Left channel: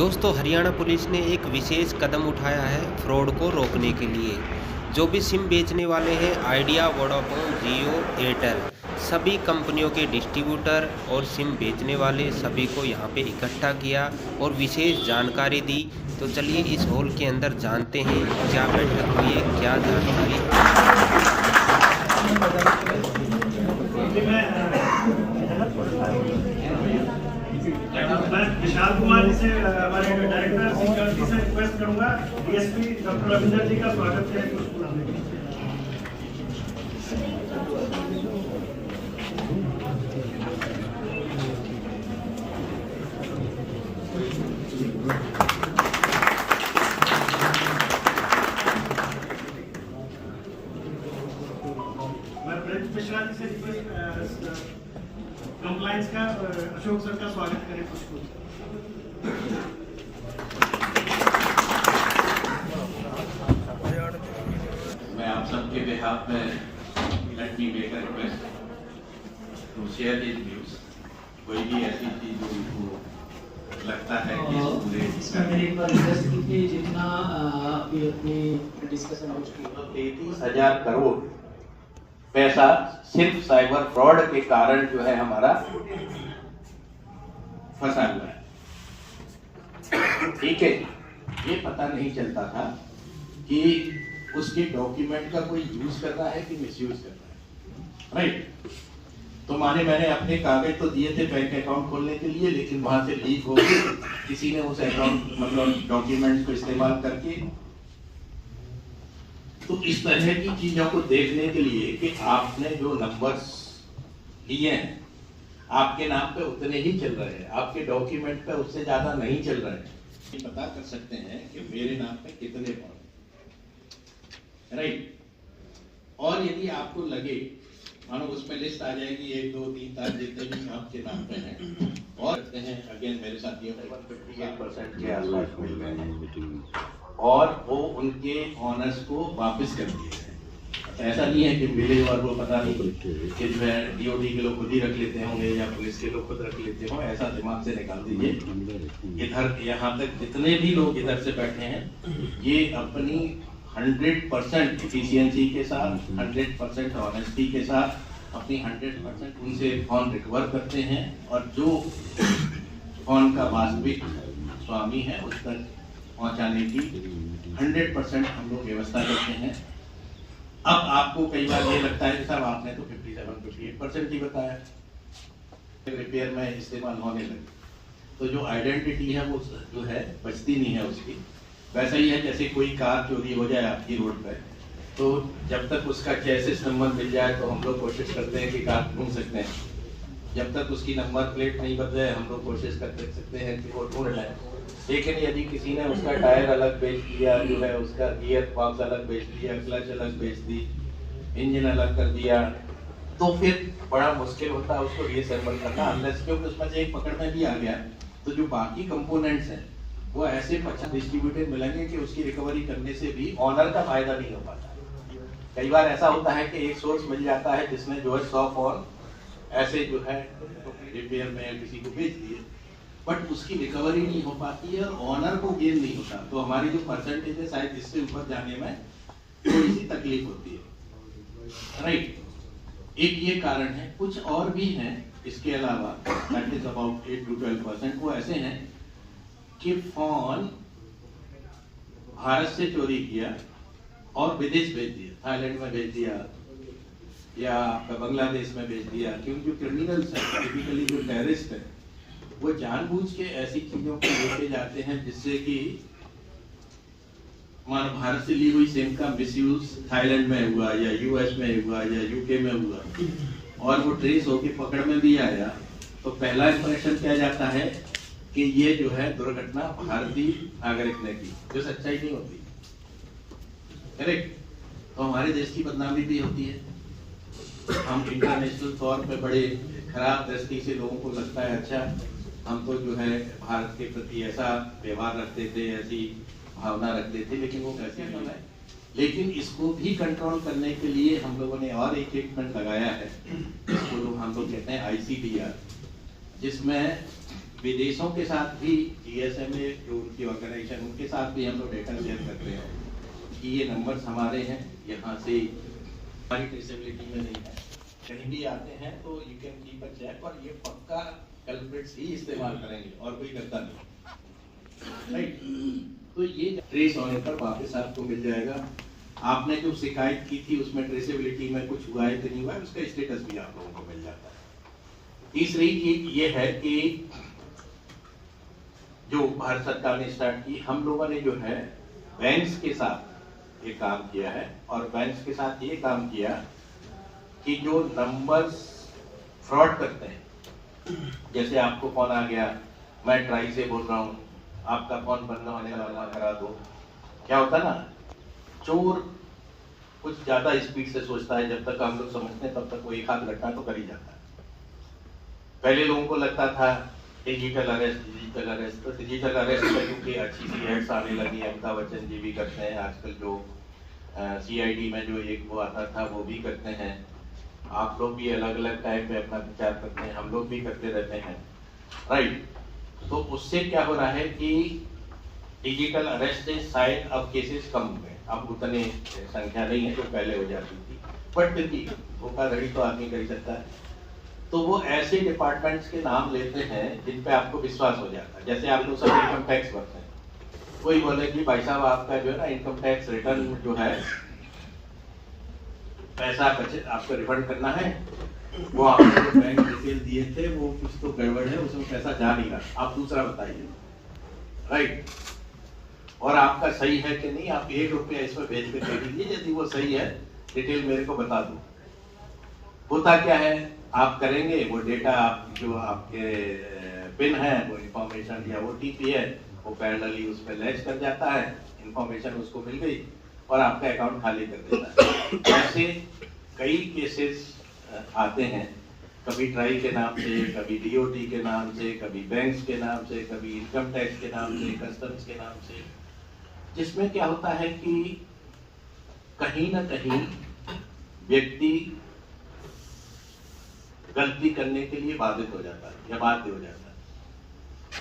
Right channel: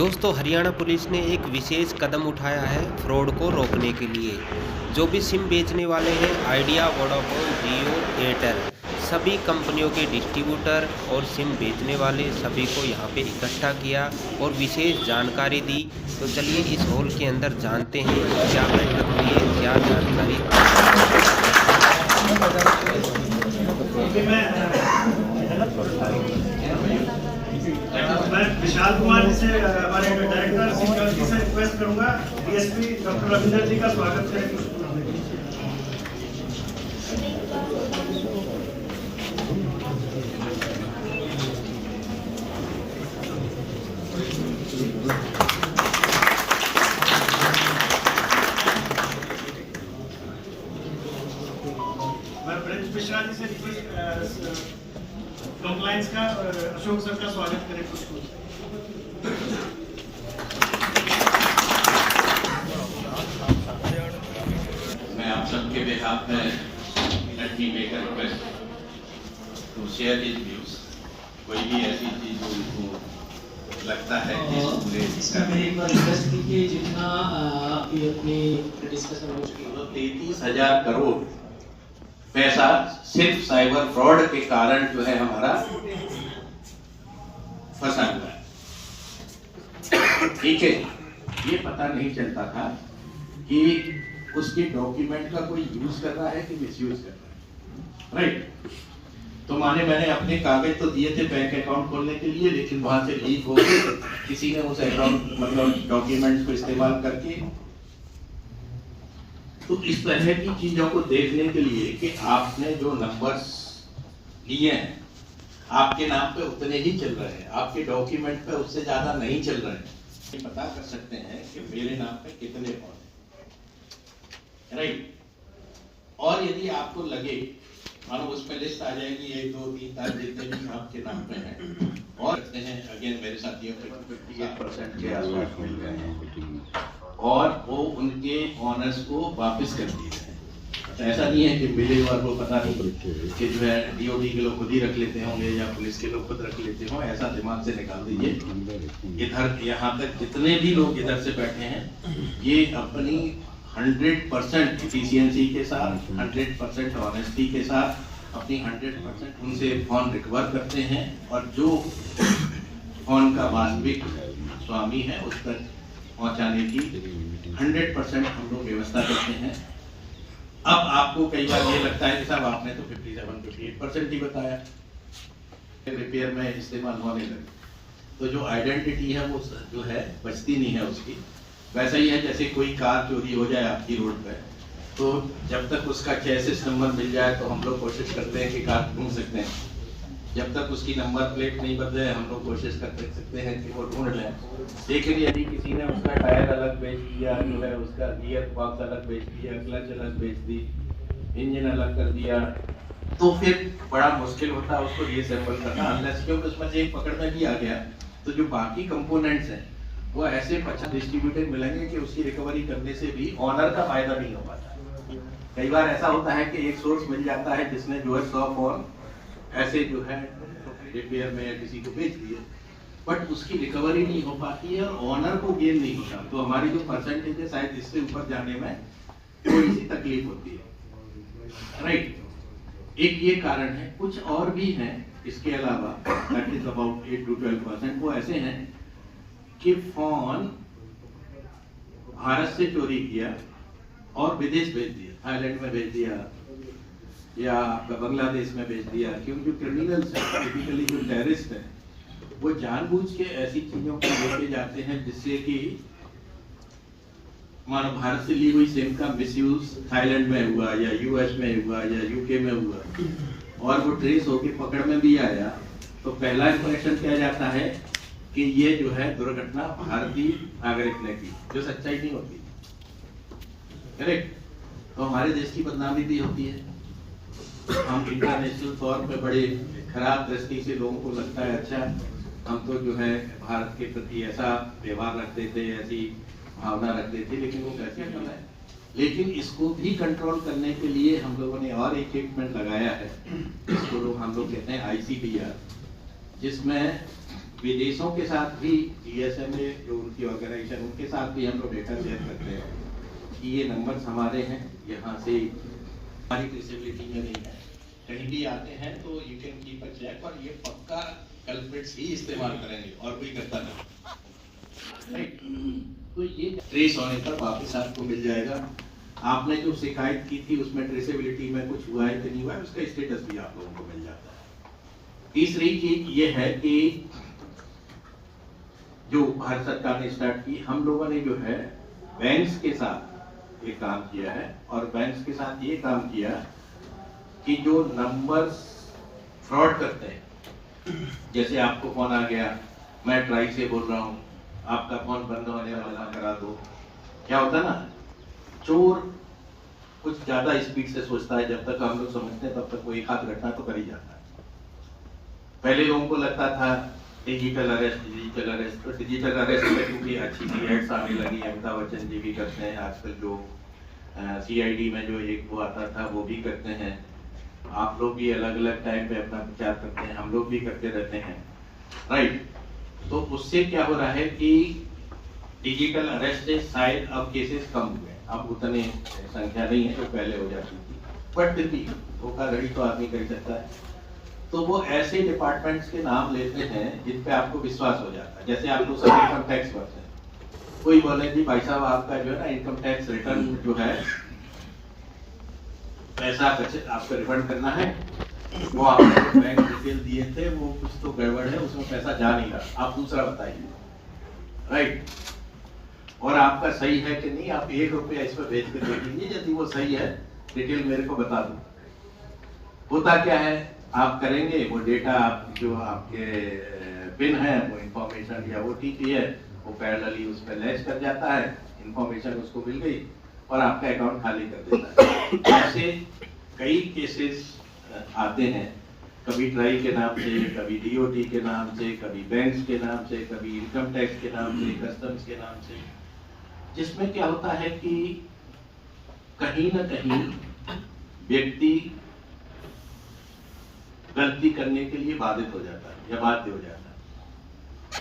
दोस्तों, हरियाणा पुलिस ने एक विशेष कदम उठाया है फ्रॉड को रोकने के लिए। जो भी सिम बेचने वाले हैं, आइडिया, वोडाफोन, जियो, एयरटेल, सभी कंपनियों के डिस्ट्रीब्यूटर और सिम बेचने वाले सभी को यहाँ पे इकट्ठा किया और विशेष जानकारी दी। तो चलिए इस हॉल के अंदर जानते हैं क्या बैठक हुई है, क्या जानकारी। मैं विशाल कुमार जी से, हमारे डायरेक्टर सिक्योरिटी से रिक्वेस्ट करूंगा डीएसपी डॉक्टर रविंदर जी का स्वागत करें। मैं ब्रज मिश्रा जी से रिक्वेस्ट कंप्लायंस का अशोक सर का स्वागत करें कुछ। मैं आप सबके बिहाफ में let me make a request to share this news. कोई भी ऐसी चीज जो उनको लगता है कि इसमें मैंने एक बार रिक्वेस्ट की कि जितना आपकी अपनी डिस्कशन हो चुकी है 33,000 करोड़ पैसा सिर्फ साइबर फ्रॉड के कारण जो है हमारा फंसा हुआ है। ठीक है, ये पता नहीं चलता था कि उसके डॉक्यूमेंट का कोई यूज कर रहा है कि मिसयूज कर रहा है। राइट, तो मैंने अपने कागज तो दिए थे बैंक अकाउंट खोलने के लिए, लेकिन वहां से लीक हो गए। किसी ने उस अकाउंट मतलब डॉक्यूमेंट्स को इस्तेमाल करके, तो इस तरह की चीजों को देखने के लिए कि आपने जो नंबर्स लिए हैं आपके नाम पे उतने ही चल रहे हैं, आपके डॉक्यूमेंट पे उससे ज्यादा नहीं चल रहे हैं, ये पता कर सकते हैं कि मेरे नाम पे कितने पहुंचे। राइट, और यदि आपको लगे, मानो उसमें लिस्ट आ जाएगी 1 2 3 4 जितने भी आपके नाम पे हैं, और कहते हैं अगेन मेरे साथियों के 58% के आसपास मिल गए हैं और वो उनके ऑनर्स को वापस कर दिए हैं। ऐसा नहीं है कि मिले और वो पता नहीं कि जो है डीओडी के लोग खुद ही रख लेते होंगे या पुलिस के लोग खुद रख लेते हो, ऐसा दिमाग से निकाल दीजिए। इधर यहाँ तक जितने भी लोग इधर से बैठे हैं, ये अपनी 100% एफिशिएंसी के साथ, 100% ऑनेस्टी के साथ अपनी 100% उनसे फोन रिकवर करते हैं और जो फोन का वास्तविक स्वामी है उस तक पहुंचाने की 100% हम लोग व्यवस्था करते हैं। अब आपको कई बार ये लगता है कि साहब आपने तो 57-58% ही बताया, रिपेयर में इस्तेमाल होने लगे, तो जो आइडेंटिटी है वो जो है बचती नहीं है उसकी। वैसा ही है जैसे कोई कार चोरी हो जाए आपकी रोड पे, तो जब तक उसका चेसिस नंबर मिल जाए तो हम लोग कोशिश करते हैं कि कार ढूंढ सकते हैं, जब तक उसकी नंबर प्लेट नहीं बदले हम लोग कोशिश कर सकते हैं कि वो ढूंढ लें। लेकिन यदि किसी ने उसका टायर अलग बेच दिया, जो है उसका गियर बॉक्स अलग बेच दिया, क्लच अलग बेच दी, इंजन अलग कर दिया, तो फिर बड़ा मुश्किल होता है उसको रीअसेंबल करना, अनलेस क्योंकि उसमें से एक पकड़ में भी आ गया तो जो बाकी कंपोनेंट्स हैं वो ऐसे 50 डिस्ट्रीब्यूटेड मिलेंगे कि उसकी रिकवरी करने से भी ऑनर का फायदा नहीं हो पाता। कई बार ऐसा होता है कि एक सोर्स मिल जाता है जिसने जो है 100 फोन ऐसे जो है रिपेयर में या किसी को बेच दिए, बट उसकी रिकवरी नहीं हो पाती है और ऑनर को गेन नहीं होता। तो हमारी जो परसेंटेज है शायद इससे ऊपर जाने में थोड़ी सी तकलीफ होती है। राइट, एक ये कारण है, कुछ और भी हैं इसके अलावा, दैट इज अबाउट 8 to 12%। वो ऐसे हैं कि फोन भारत से चोरी किया और विदेश भेज दिया, थाईलैंड में भेज दिया या बांग्लादेश में भेज दिया, क्योंकि क्रिमिनल्स हैं, टिपिकली जो टेररिस्ट है वो जानबूझ के ऐसी चीजों को लेके जाते हैं जिससे कि मानो भारत से ली हुई सिम का मिसयूज थाईलैंड में हुआ या यूएस में हुआ या यूके में हुआ और वो ट्रेस होके पकड़ में भी आया, तो पहला इंप्रेशन क्या जाता है कि ये जो है दुर्घटना भारतीय नागरिक ने की, जो सच्चाई नहीं होती। करेक्ट, तो हमारे देश की बदनामी भी होती है। हम इंटरनेशनल तौर पे बड़े खराब दृष्टि से लोगों को लगता है अच्छा हम तो जो है भारत के प्रति ऐसा व्यवहार रखते थे, ऐसी भावना रखते थे, लेकिन वो कैसे नहीं है। लेकिन इसको भी कंट्रोल करने के लिए हम लोगों ने और एक इक्विपमेंट लगाया है, जिसको हम लोग कहते हैं ICDR, जिसमें विदेशों के साथ भी GSMA जो उनकी ऑर्गेनाइजेशन उनके साथ भी हम लोग डेटा शेयर करते हैं कि ये नंबर्स हमारे हैं, यहाँ से हमारी ट्रेसेबिलिटी में नहीं है, कहीं भी आते हैं तो you can keep a check, और ये पक्का कल्प्रिट्स ही इस्तेमाल करेंगे और कोई करता नहीं, राइट। तो ये ट्रेस होने पर वापस आपको मिल जाएगा। आपने जो शिकायत की थी उसमें ट्रेसेबिलिटी में कुछ हुआ है कि नहीं हुआ है, उसका स्टेटस भी आप लोगों को मिल जाता है। तीसरी चीज ये है कि जो भारत सरकार ने स्टार्ट की, हम लोगों ने जो है बैंक्स के साथ ये काम किया है, और बैंक्स के साथ ये काम किया कि जो नंबर्स फ्रॉड करते हैं, जैसे आपको फोन आ गया, मैं ट्राई से बोल रहा हूँ, आपका फोन बंद होने वाला करा दो, क्या होता है ना, चोर कुछ ज्यादा स्पीड से सोचता है, जब तक हम लोग समझते हैं तब तक वो एक हाथ घटना तो कर ही जाता है। पहले लोगों को लगता था डिजिटल अरेस्ट, तो डिजिटल अरेस्ट में क्योंकि अच्छी सी एड्स आने लगी, अमिताभ बच्चन जी भी करते हैं आजकल, जो CID में जो एक वो आता था वो भी करते हैं, आप लोग भी अलग अलग टाइम पे अपना प्रचार करते हैं, हम लोग भी करते रहते हैं, राइट। तो उससे क्या हो रहा है कि डिजिटल अरेस्ट से शायद अब केसेस कम हुए, अब उतनी संख्या नहीं है जो पहले हो जाती थी, बट फिर भी धोखाधड़ी तो आदमी कर ही सकता है। तो वो ऐसे डिपार्टमेंट्स के नाम लेते हैं जिन पे आपको विश्वास हो जाता है, जैसे आप लोग सब इनकम टैक्स भरते हैं, कोई बोले कि भाई साहब आपका जो है ना इनकम टैक्स रिटर्न जो है पैसा आपको रिफंड करना है, वो आपने जो बैंक डिटेल दिए थे वो कुछ तो गड़बड़ है, उसमें पैसा जा नहीं रहा, आप दूसरा बताइए, राइट। और आपका सही है कि नहीं, आप 1 रुपया इस पर भेज के दे दीजिए, यदि वो सही है डिटेल मेरे को बता दो। होता क्या है, आप करेंगे वो डेटा जो आपके पिन है वो इंफॉर्मेशन या OTP है वो पैरेलली उस पर लैच कर जाता है, इंफॉर्मेशन उसको मिल गई और आपका अकाउंट खाली कर देता है। ऐसे कई केसेस आते हैं, कभी ट्राई के नाम से, कभी DOT के नाम से, कभी बैंक्स के नाम से, कभी इनकम टैक्स के नाम से, कस्टम्स के नाम से, जिसमें क्या होता है कि कहीं ना कहीं व्यक्ति गलती करने के लिए बाधित हो जाता है या बाध्य हो जाता है।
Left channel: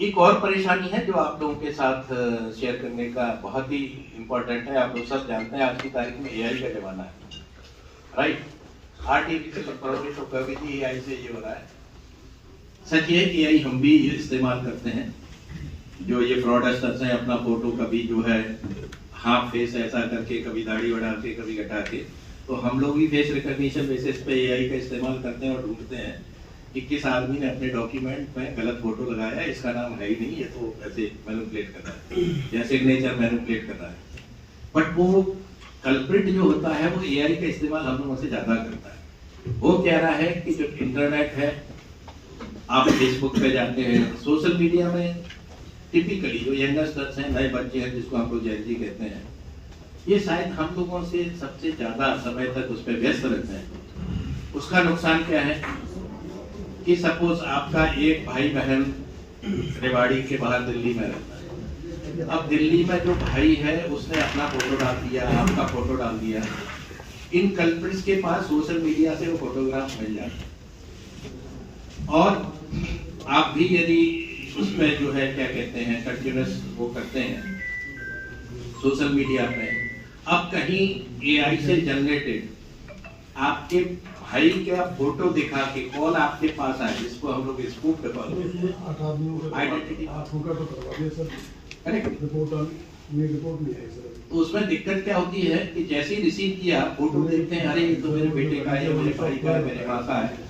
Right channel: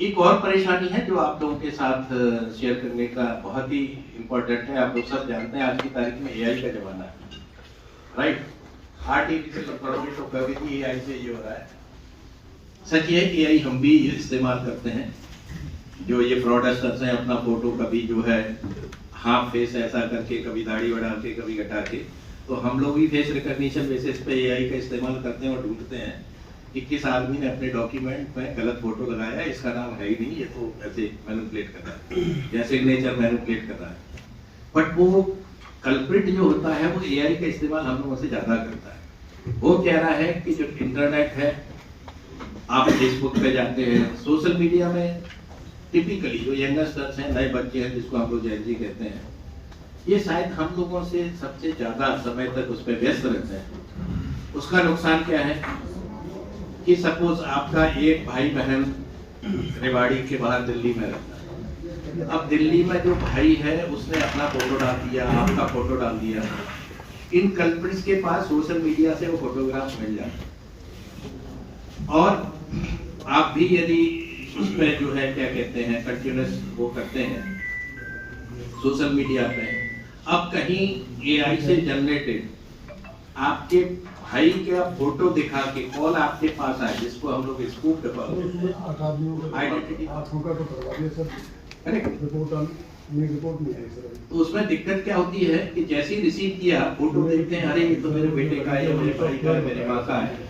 एक और परेशानी है जो आप लोगों के साथ शेयर करने का बहुत ही इंपॉर्टेंट है। आप लोग सब जानते हैं आज की तारीख में AI का जमाना है, राइट। आर्टिफिशियल इंटेलिजेंस AI से ये हो रहा है। सच ये है कि AI हम भी इस्तेमाल करते हैं, जो ये फ्रॉडस्टर्स हैं अपना फोटो कभी जो है हाफ फेस ऐसा करके, कभी दाढ़ी बढ़ा के, कभी घटा के, तो हम लोग भी फेस रिकॉग्निशन बेसिस पे AI का इस्तेमाल करते हैं और ढूंढते हैं कि किस आदमी ने अपने डॉक्यूमेंट में गलत फोटो लगाया है, इसका नाम है ही नहीं, ये तो ऐसे मैनिपुलेट कर रहा है या सिग्नेचर मैनिपुलेट कर रहा है। बट वो कल्प्रिट जो होता है वो AI का इस्तेमाल हम लोगों से ज्यादा करता है। वो कह रहा है कि जो इंटरनेट है, आप फेसबुक पे जाते हैं, सोशल मीडिया में टिपिकली जो यंगस्टर्स हैं, नए बच्चे हैं जिसको हम लोग Gen Z कहते हैं, ये शायद हम लोगों से सबसे ज्यादा समय तक उस पर व्यस्त रहते हैं। उसका नुकसान क्या है कि सपोज आपका एक भाई बहन रेवाड़ी के बाहर दिल्ली में रहता है, अब दिल्ली में जो भाई है उसने अपना फोटो डाल दिया, आपका फोटो डाल दिया, इन कल्प्रिट्स के पास सोशल मीडिया से वो फोटोग्राफ मिल जाते और आप भी यदि उसमें जो है क्या कहते हैं कंटिन्यूस वो करते हैं सोशल मीडिया पे, अब कहीं AI से जनरेटेड आपके भाई का फोटो दिखा के कॉल आपके पास आए, जिसको हम लोग स्कूप पे कॉल करते हैं, आइडेंटिटी करेक्ट, रिपोर्ट नहीं आई सर। तो उसमें दिक्कत क्या होती है कि जैसे ही रिसीव किया फोटो देखते हैं, अरे ये तो मेरे बेटे का है, मेरे भाई का है, मेरे माँ का है,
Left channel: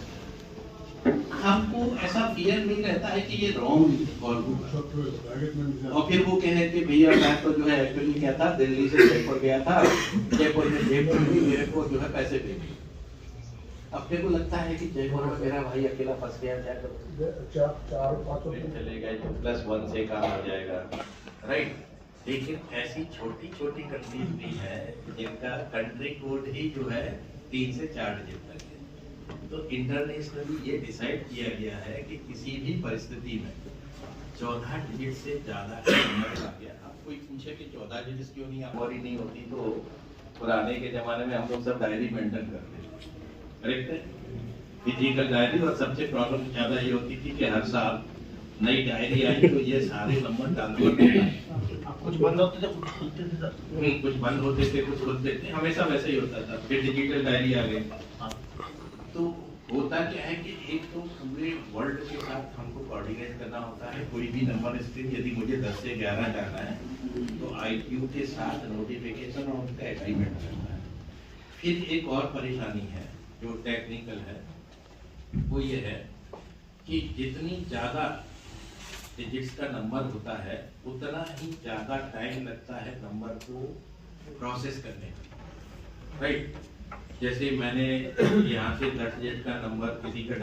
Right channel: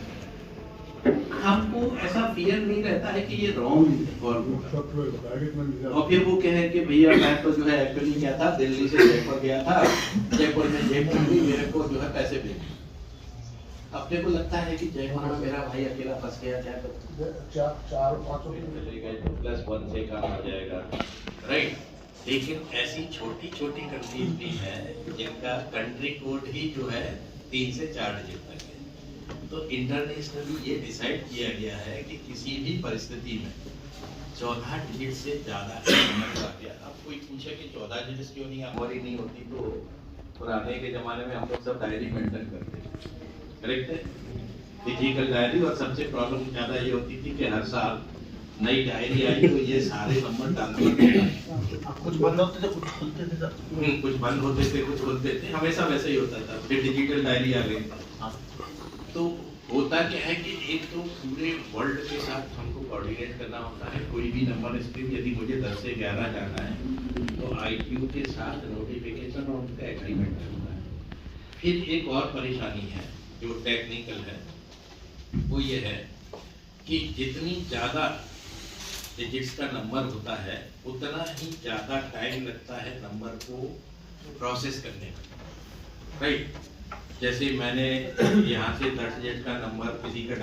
आपको ऐसा फियर नहीं रहता है कि ये रॉन्ग और फिर वो कहे कि भैया मैं तो जो है एक्चुअली क्या था, दिल्ली से जयपुर गया था, जयपुर में जेब खुली, मेरे को जो है पैसे भेजे। अपने को लगता है कि जयपुर में मेरा भाई अकेला फंस गया, चले गए तो +1 से काम हो जाएगा, राइट। लेकिन ऐसी छोटी छोटी कंट्रीज भी हैं जिनका कंट्री कोड ही जो है 3 से 4 डिजिट तक है। तो इंटरनेशनली ये डिसाइड किया गया है कि किसी भी परिस्थिति में 14 डिजिट से ज्यादा नंबर आ गया। अब कोई पूछे कि 14 डिजिट क्यों नहीं, हमारी नहीं होती, तो पुराने के जमाने में हम लोग सब डायरी मेंटेन करते थे, करेक्ट है, फिजिकल डायरी। और सबसे प्रॉब्लम ज्यादा ये होती थी कि हर साल नई डायरी आई तो ये सारे नंबर डालने पड़ते हैं। कुछ बंद होते थे, कुछ खुलते थे सर। कुछ बंद होते थे, कुछ खुलते थे, हमेशा वैसे ही होता था। फिर डिजिटल डायरी आ गई। तो होता क्या है कि एक तो पूरे वर्ल्ड के साथ हमको कोऑर्डिनेट करना होता है। कोई भी नंबर स्ट्रीम यदि मुझे 10 से 11 जाना है तो ITU के साथ नोटिफिकेशन और उनका एग्रीमेंट करना है। फिर एक और परेशानी है जो टेक्निकल है, वो ये है कि जितनी ज़्यादा डिजिट्स का नंबर होता है उतना ही ज़्यादा टाइम लगता है नंबर को प्रोसेस करने में, राइट। जैसे मैंने यहाँ से 10 डिजिट का नंबर किसी का